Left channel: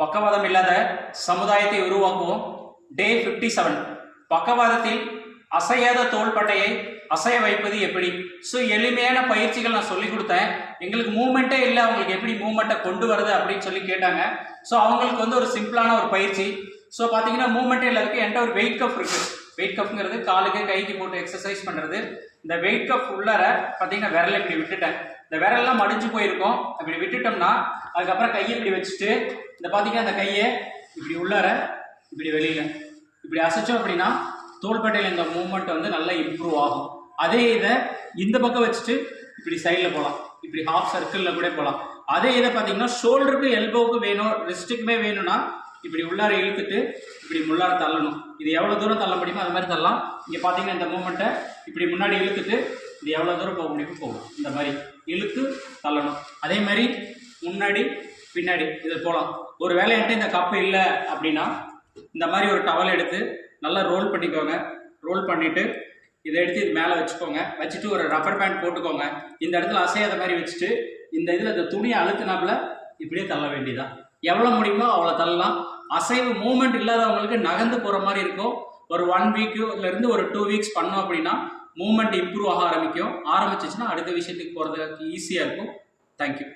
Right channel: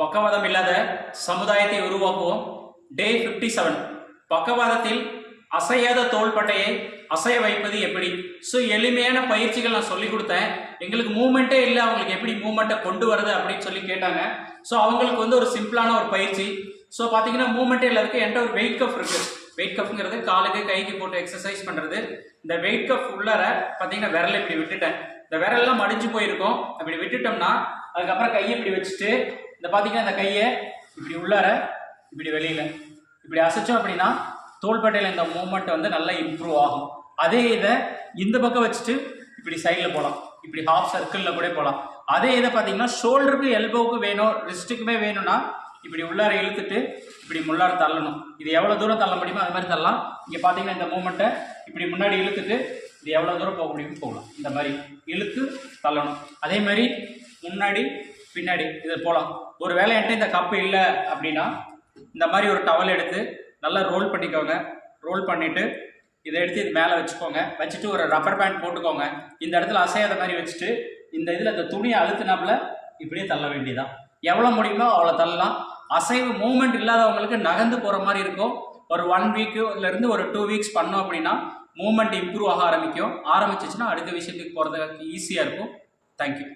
பக்கவாதம் இல்லாத சமுதாயத்தை உருவாக்குவோம். டே 57. பக்கவாதத்தில் அசையாத தோள்பட்டையை அசைய வைப்பது எப்படி? ஸோ எளிமையான பயிற்சிகள் நான் சொல்லி கொடுத்தேன். எங்களுக்கு மூமெண்ட்டே இல்லை, அவங்களுக்கு எப்படி மூமெண்ட்டை கொண்டு வருது அப்படின்னு சொல்லி கேட்டாங்க. ஸோ அவங்களுக்கு வந்து ஒரு சிம்பிளான ஒரு பயிற்சி. ஸோ பார்த்தீங்கன்னா மூமெண்ட்டே இல்லாததுக்கு என்கிட்ட ஒரு வெயிட் கப் இருக்குது. வெயிட் கப்ங்கிறது காலுக்கு கைக்கு போட்டு எக்ஸசைஸ் பண்ணுறது. இந்த வெயிட் கப் உள்ளார பார்த்தீங்கன்னா விரலை இப்படி விட்டுட்டேன். இந்த விரல்லாம் மடிஞ்சு போயிருக்கும். இப்படி விட்டுட்டோம்னா அதுக்கப்புறம் கையை இப்படி வச்சுட்டு இந்த பார்த்தீங்கன்னா இந்த கையை இப்படி உள்ளார இப்படி வெளியில் இப்படி அசைச்சோம் அப்படின்னா தோள்பட்டையில் இந்த மூமெண்ட் வந்து நல்லா இம்ப்ரூவ் ஆகும். அதே இதை இந்த பக்கம் வச்சுட்டு இப்படி சைடில் போகலாம், இப்படி ஹாஃப் சர்க்கிளில் கூட போகலாம். அதே இதை பார்த்தீங்கன்னா ஷோல்டருக்கு எல்போவுக்கு வேணும், ரிஸ்ட்டுக்குமே வேணும்னா இப்படி உள்ளார இழுத்துட்டு இப்படி முள்ளார தள்ளணும். இது எவ்வளோ தூரம் தள்ள முடியுமோ அது மாதிரி தள்ளலாம். இங்கே பார்த்தீங்கன்னா இந்த மூமெண்ட்டை இப்படி முன்னாடி இழுத்துட்டு இது எவ்வளோ தூரம் போக முடியுமோ போகலாம். இந்த மாதிரி இழுத்து தள்ளணும். அதே மாதிரி முன்னாடி பின்னாடி இது போகலாம். ஒரு வேளை என்கிட்ட இந்த கப்பு இல்லை அப்படின்னா இந்த மாதிரி ஒரு டவல் எடுத்து நல்லா ரோல் பண்ணிக்கோங்க. ரோல் பண்ணிவிட்டு இதை எடுத்து இது மேலே வச்சுக்கோங்க. வச்சுட்டு ஒரு ரப்பர் பேண்ட் போட்டுக்கோங்க. இந்த இடத்துல அசையாத மாதிரி வச்சுட்டு இந்த இதில் இந்த துணியை அழுத்தினாப்புல இப்படியே தள்ள வேண்டியதான். எவ்வளோ முடியுமோ அவ்வளோ தள்ளலாம். அசைவு மூமெண்ட் இல்லாதவங்களுக்கு நகர்ந்து போகிற மாதிரி இருக்கும். ஒரு 1 வீக்குலேருந்து ஒரு 2 வீக்ஸ் பண்ணோம் அப்படின்னா மூமெண்ட் இம்ப்ரூவ் ஆக ஆரம்பிச்சிச்சுன்னா அடுத்த விஷயத்துக்கு போகிறதுக்கு ஈஸியாக இருக்கும். தேங்க்யூ.